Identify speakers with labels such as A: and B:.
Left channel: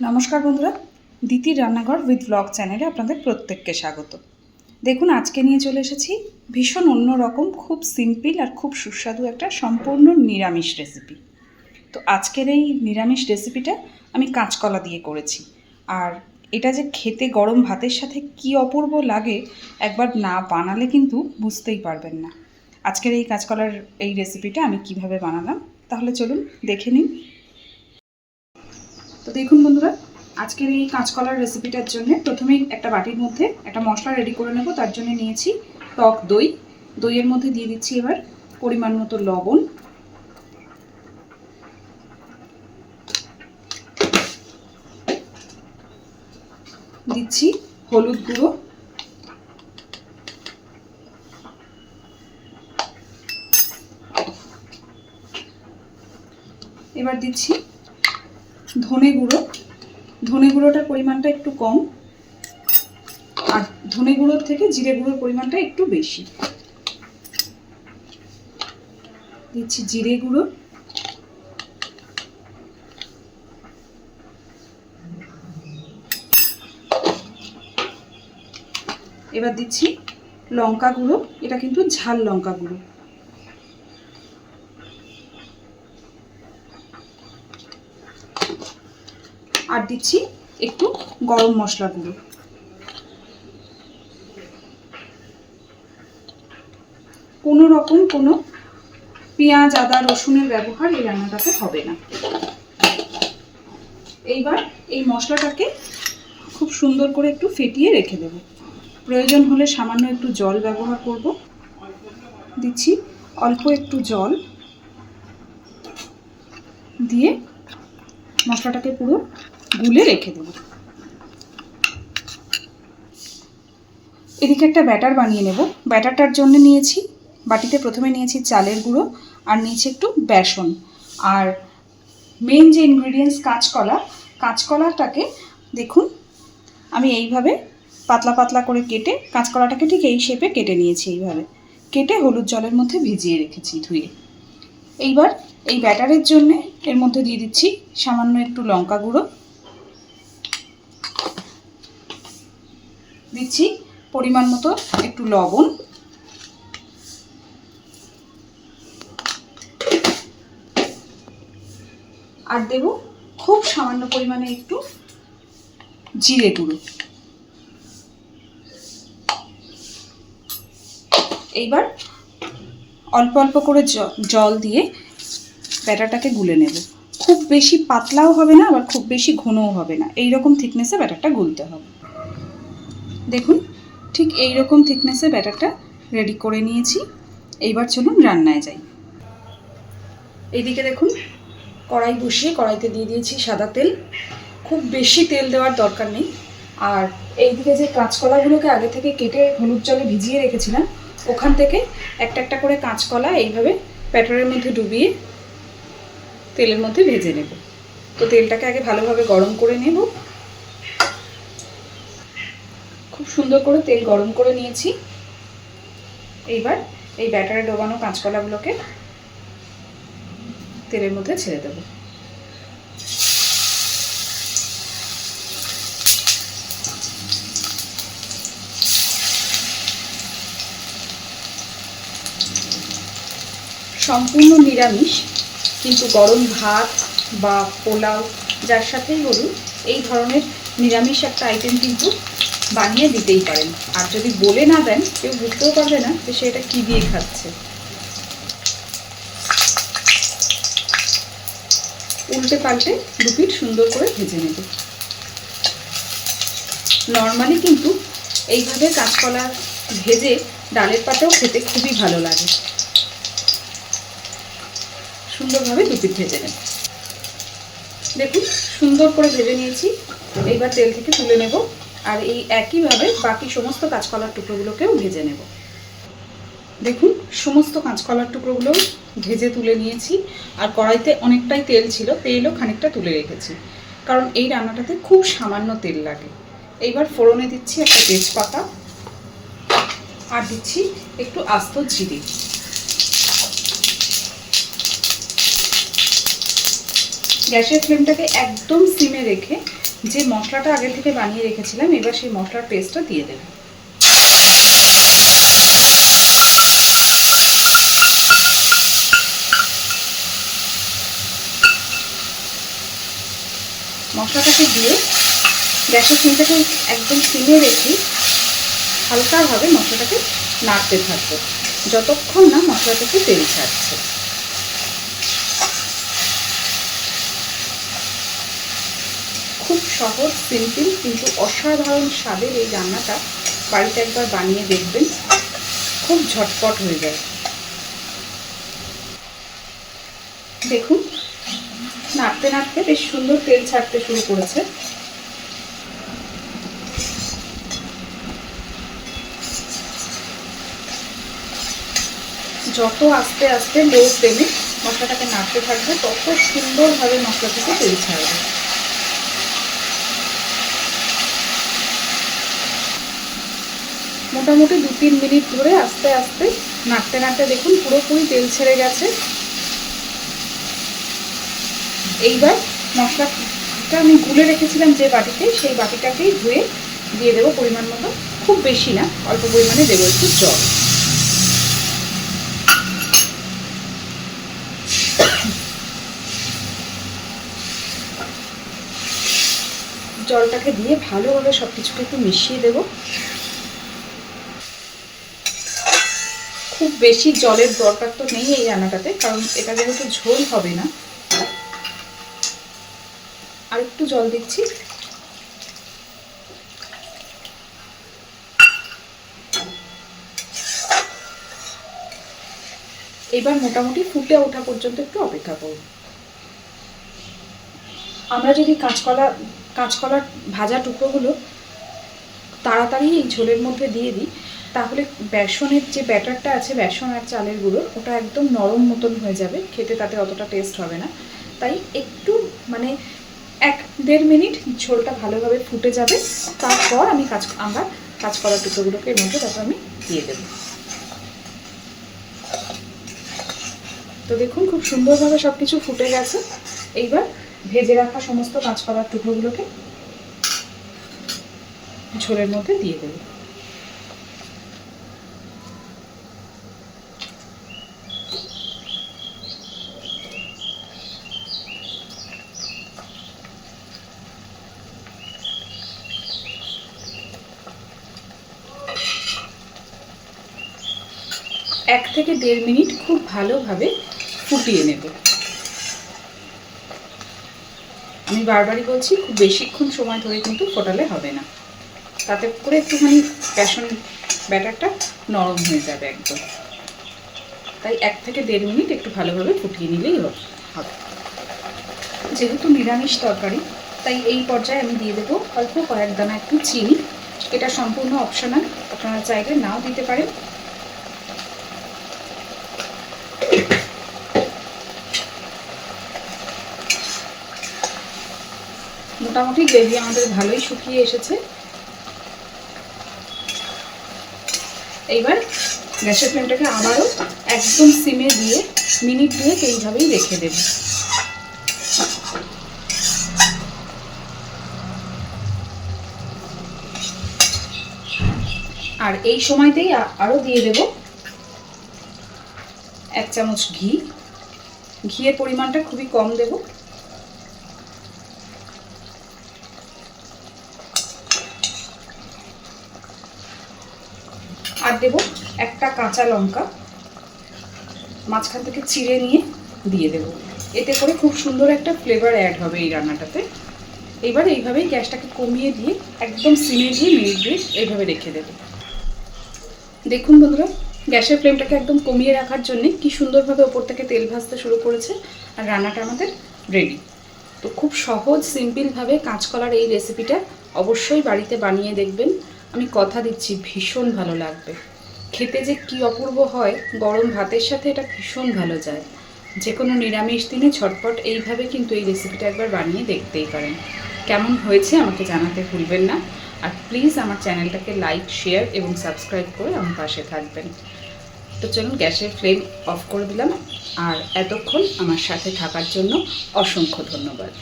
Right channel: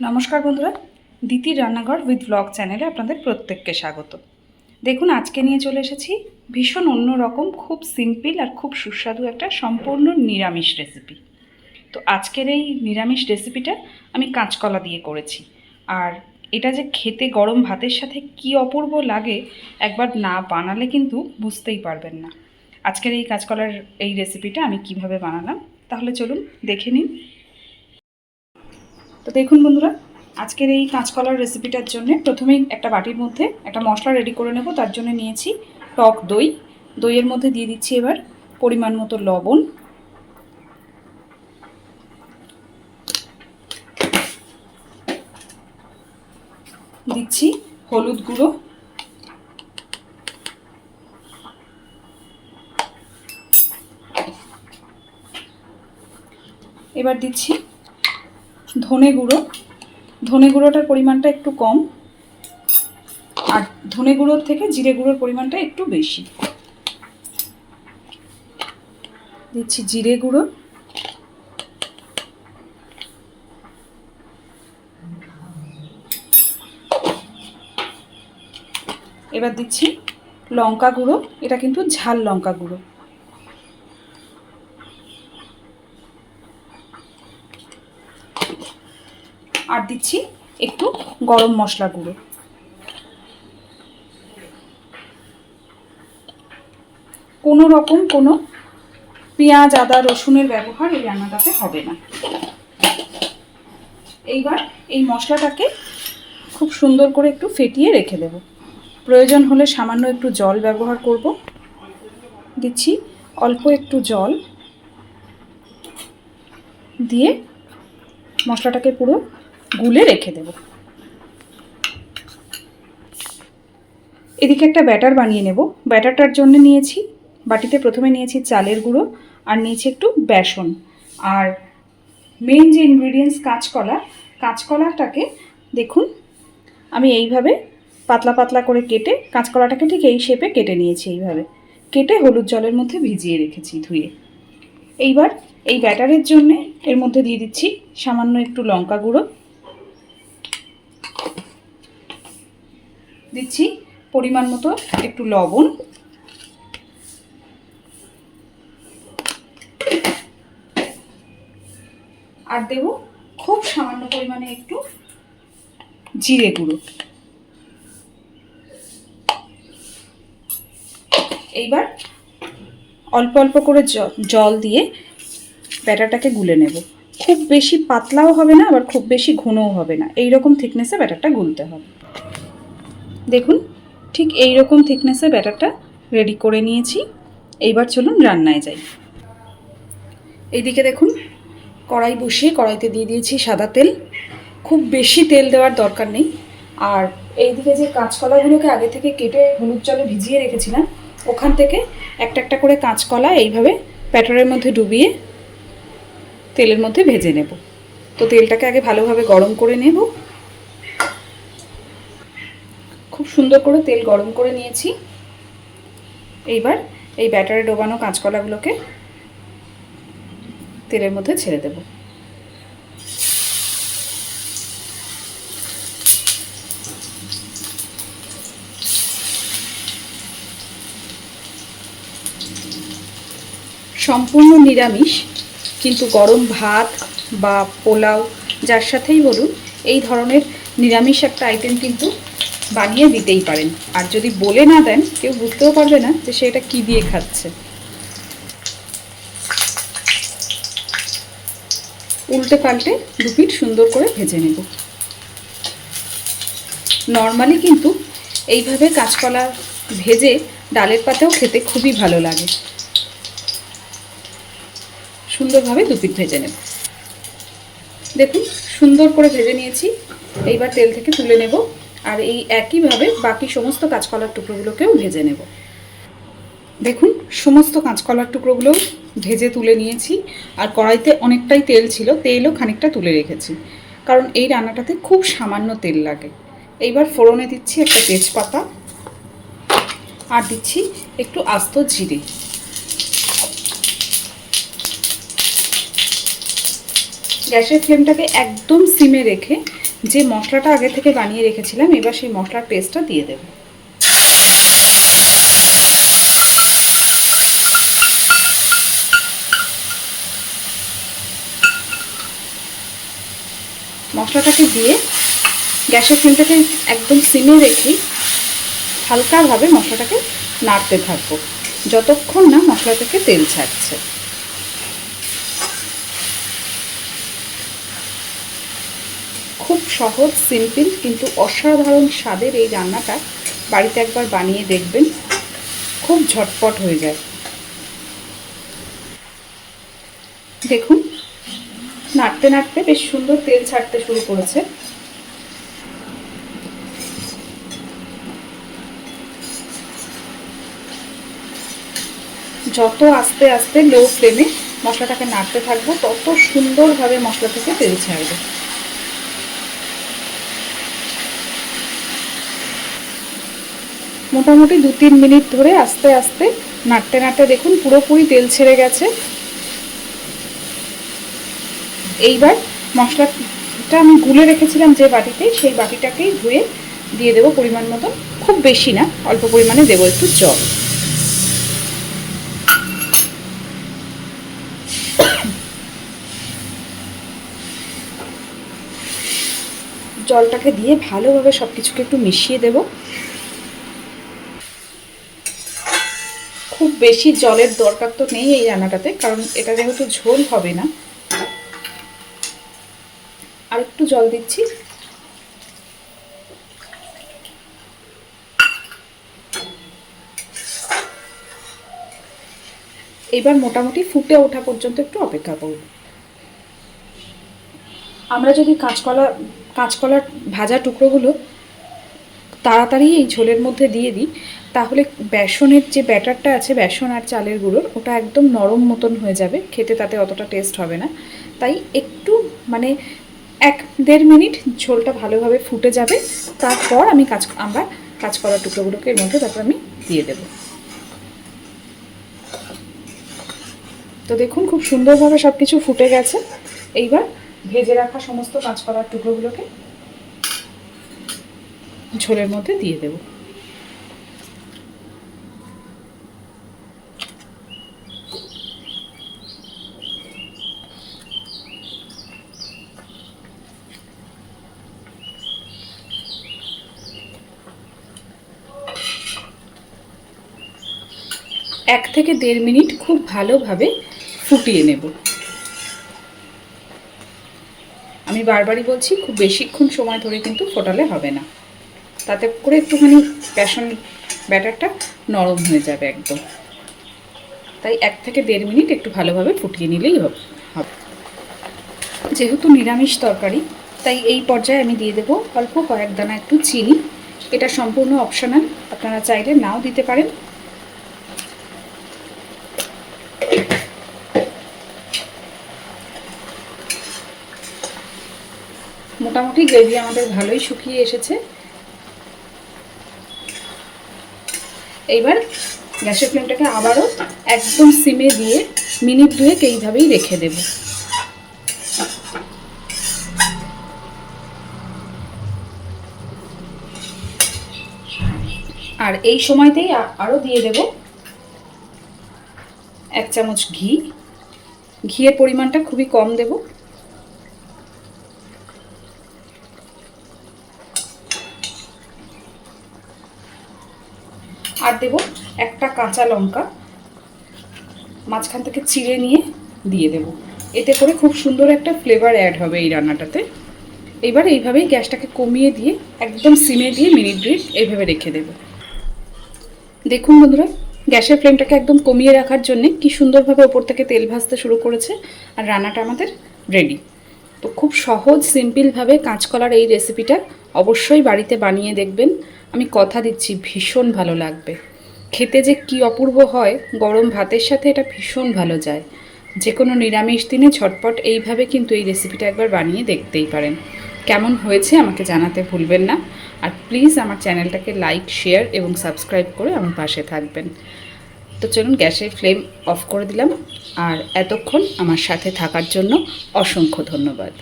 A: নমস্কার বন্ধুরা, দিতির রান্নাঘর উইথ ব্লগ চ্যানেলে আপনাদের প্রত্যেককে স্বাগত। দেখুন, আজকে নিয়ে চলে এসেছি ভীষণ অন্যরকম খুব সিম্পল আর খুব সুস্বাদু একটা সম্পূর্ণ নিরামিষ রেসিপি তো আজকের এই নিরামিষ রেসিপিটা আমি কাঁচকলা দিয়ে করেছি। আর এটা যে খেতে গরম ভাতের সাথে কি অপূর্ব লাগে, একবার না বানালে কিন্তু বুঝতেই পারবেন না। আজকের এই কাঁচকলার এই রেসিপিটা আমি কীভাবে বানালাম, তাহলে চলুন দেখে নিন তো দেখুন বন্ধুরা, আজকের এই কাঁচকলার রেসিপিটার জন্য প্রথমেই একটা বাটির মধ্যে একটা মশলা রেডি করে নেব। তার জন্য নিয়েছি টক দই। দইয়ের মধ্যে দিয়ে দিচ্ছি এবার পরিমাণ মতো লবণ। দিচ্ছি হলুদ গুঁড়ো। এবার দিচ্ছি ধনে গুঁড়ো। ধনে গুঁড়োটার পরিমাণটা একটু কম। আর ধনে গুঁড়োর থেকে জিরে গুঁড়োর পরিমাণটা একটু বেশি। দিচ্ছি জিরে গুঁড়ো। এবার দিচ্ছি লঙ্কা গুঁড়ো। এটা কিন্তু ঝাল লঙ্কা গুঁড়ো আর দিচ্ছি একটু গরম মশলা গুঁড়ো। কোনো রকম কোনো পেঁয়াজ, আদা, রসুনের ব্যবহার এই রান্নাটাতে হবে না। এইবার এই মশলাটাকে খুব সুন্দর করে একটু ফেটিয়ে রেখে দেব। প্রয়োজন হলে সামান্য একটু জল ব্যবহার করব। দিচ্ছি অল্প একটু জল দিয়ে মশলাটাকে পুরো গুলে রেখে দেব। এদিকে একটা ব্যাটার বানিয়ে নেব। ব্যাটারটার জন্য নিয়েছি, বাটিতে প্রথমে নিয়েছি চালের গুঁড়ো আর নিয়েছি একটু বেসন। আর মেন যে ইনগ্রিডিয়েন্টস কাঁচকলা, কাঁচকলাটাকে দেখুন, আমি এইভাবে পাতলা পাতলা করে কেটে, কাঁচকলাটাকে ঠিক এই শেপে কেটে নিয়েছি এইভাবে। কেটে হলুদ জলের মধ্যে ভিজিয়ে রেখেছি ধুয়ে। এইবার এই ব্যাটারের জন্যে এর মধ্যে দিয়ে দিচ্ছি সামান্য একটু লঙ্কা গুঁড়ো। দিচ্ছি পরিমাণ মতো একটু লবণ। আর দেব খুব সামান্য পরিমাণে একটু জিরে গুঁড়ো। এইবার অল্প অল্প করে জল দিয়ে ব্যাটারটাকে গুলে নেব। খুব বেশি পাতলাও হবে না, আবার খুব বেশি ঘনও হবে না। এই রকম থিকনেসে ব্যাটারটা গুলতে হবে। দেখুন, ঠিক এই রকম থিকনেসে ব্যাটারটা রেডি করে নিয়েছি। এইবার চলুন রান্নায় যাই। এইদিকে দেখুন, কড়াই বসিয়ে কড়াইতে দিয়ে দিয়েছি সাদা তেল। খুব বেশি তেল দেওয়ার দরকার নেই। আর এইদিকে যে কাঁচকলাগুলোকে আগে থেকে কেটে হলুদ জলে ভিজিয়ে রেখেছিলাম, ওখান থেকে একটা একটা করে কাঁচকলা এইভাবে প্যাটারের মধ্যে ডুবিয়ে তেলের মধ্যে ভেজে নেব। তো তেলটাকে আগে ভালোভাবে গরম করে নেব। খুব সুন্দর করে তেল গরম করে নিয়েছি। এইবার এই ব্যাটারে ডোবানো কাঁচকলাগুলোকে তেলের মধ্যে ছেড়ে দেব। সম্পূর্ণ নিরামিষ, কিন্তু গরম ভাত বা পোলাও, যার সাথেই বলুন, এই ধরনের নিরামিষ একটা আইটেম কিন্তু বানিয়ে দিতেই পারেন। আর যদি বলে না দেন, কেউ বুঝতেও পারবে না যে সে এটা কী দিয়ে খাচ্ছে। উল্টে পাল্টে দু পিঠ সুন্দর করে ভেজে নেব। নর্মালি কিন্তু এইভাবে কাঁচকলা ভেজে ডালের পাতাও খেতে খুবই ভালো লাগে। সুন্দরভাবে দুপিট ভেজে নেব। দেখুন, সুন্দর করে ভেজে নিয়েছি। এইবার তেল থেকে তুলে নেব। আর এই একইভাবে বাকি সমস্ত কাঁচকলার টুকরোগুলোকেও ভেজে নেব। দেখুন, সমস্ত কাঁচকলার টুকরোগুলোও ভেজে তুলে নিয়েছি, আর কড়াইতে অনেকটাই তেল ছিল, তেলও খানিকটা তুলে রেখেছি, কারণ এই রান্নাটাতে খুব সামান্য তেল লাগে। এইবার ফোড়নে দিচ্ছি একটা তেজপাতা, আর দিচ্ছি একটু আস্ত জিরে। গ্যাসের ফ্লেমটাকে একদম সিমে রেখে যে মশলাটা আগে থেকে বানিয়ে রেখেছিলাম, এবার সেই মশলার পেস্টটা দিয়ে দেব। মশলাটাকে দিয়ে গ্যাসের ফ্লেমটাকে একদম সিমে রেখে হালকাভাবে মশলাটাকে নাড়তে থাকব। যতক্ষণ না মশলা থেকে তেল ছাড়ছে খুব সহজ সিম্পল কিন্তু অসাধারণ স্বাদের এই রান্নাটা বাড়িতে একবার বানিয়ে দেখবেন। খুব ঝটপট হয়ে যায়। দেখুন, নাড়তে নাড়তে বেশ সুন্দর তেল ছাড়তে শুরু করেছে। যত আস্তে আস্তে লো ফ্লেমে মশলাটাকে নাড়তে থাকব, তত সুন্দরভাবে মশলা থেকে তেল ছাড়বে। মোটামুটি দু তিন মিনিট ধরে আস্তে আস্তে নাড়তে নাড়তে দেখুন পুরোপুরি তেল ছেড়ে গেছে। এইবার মশলাটা আমি গুলে রেখেছিলাম যে বাটিতে, সেই বাটিটাকেই ধুয়ে দিয়ে দেবো পরিমাণ মতো। খুব বেশি না, অল্প পরিমাণে দেবো একটু জল। জলটাকে দিয়ে ভালোভাবে সব কিছুকে একটু মিশিয়ে দেব। খুব বেশি জলের দরকার তো নেই এই রান্নাটাতে, কারণ এটা যেহেতু ঝোল হবে না। আর একটু জল দিচ্ছি। এবার মোটামুটি ফুটে ওঠা পর্যন্ত একটু অপেক্ষা করব। আমরা যদি কাঁচকলা, কাঁচকলার ভাজা টুকরোগুলো তাড়াতাড়ি এই ঝোলের মধ্যে দিয়ে দিই তাহলে বেসনের যে ব্যাটারটা আছে, বেসন আর চালের গুঁড়ো, ওটা একদম নরম মতন হয়ে যাবে। খেতে তাতে অতটা টেস্ট হবে না। তাই একটু মানে এক দেড় মিনিট ঝোলটা ভালোভাবে ফুটে যাবে। তারপর আমি কাজ, আমরা কাঁচকলার টুকরোগুলোকে এর মধ্যে তারপর আমি দিয়ে দেব। তো দেখুন, খুব সুন্দরভাবে সব কিছু ফুটে গেছে। এইবার ভেজে রাখা সমস্ত কাঁচকলার টুকরোগুলোকে ঝোলের মধ্যে দিয়ে দেব। এক থেকে দেড় মিনিট খুব ভালোভাবে ফুটিয়ে নেব। আমি বারবারই বলছি, খুব বেশিক্ষণ সময় ধরে কিন্তু ফোটালে হবে না। তাতে করে একটুখানি বেসন ব্যাটারটা নরম হয়ে যাবে একদম। তাই এক থেকে দেড় মিনিট একটু ভালোভাবে ফুটিয়ে নিলেই হবে। যেহেতু নিরামিষ তরকারি, তাই এই পর্যায়ে আমি দিয়ে দেবো অল্প কয়েক দানা একটু চিনি। এটা সম্পূর্ণ অপশনাল আপনারা চাইলে নাও দিতে পারেন। মোটামুটি গ্রেভি আমাদের ভালোই শুকিয়ে এসেছে। এইবার গ্যাসের ফ্লেমটাকে আবারও একদম সিমে দিয়ে মিনিট দুয়েক এইভাবেই রেখে দেব। আর এই সময়তেই আরও দিয়ে দেব এক চামচ ঘি। ঘিয়ের পরিমাণটা খুবই কম দেবো। আর দেব, একটা কাঁচা লঙ্কা মাঝখান থেকে চিড়ে নিয়ে দিয়ে দেব। এতে করে খুব সুন্দর একটা ফ্লেভার অ্যাড হবে এই রান্নাটাতে। এবার এইভাবেই গ্যাসটাকে কমিয়ে দিয়ে, একদম সিমে দিয়ে মিনিট দুই এইভাবে রেখে দেব। দেখুন বন্ধুরা, গ্যাসের ফ্লেমটাকে একদম কমিয়ে রাখার জন্যে কি সুন্দরভাবে ওপর থেকে তেল ভাজতে শুরু করেছে আর রান্নাটা আমাদের রেডি তো খুব সহজ সিম্পলভাবে কাঁচকলার এই রেসিপিটা অবশ্যই বাড়িতে বানিয়ে দেখবেন। আমি কথা দিচ্ছি, ভীষণ ভালো লাগবে। খেতে যে কি অপূর্ব হয়, গরম ভাতের সাথে এটা ভীষণ ভালো যায়। যে কোনো নিরামিষ দিনে ঝটপট এইভাবে কিন্তু এই রেসিপিটা একবার বানিয়ে দেখতেই পারেন। কেমন হয়েছে আমাকে জানাতে ভুলবেন না। আর প্লিজ আমার চ্যানেলটাকে লাইক শেয়ার এবং সাবস্ক্রাইব করে আমার পাশে থাকবেন। তো চলুন গ্যাসের ফ্লেম অফ করে দিলাম। আর এতক্ষণ আমার সাথে থাকার জন্য অসংখ্য ধন্যবাদ।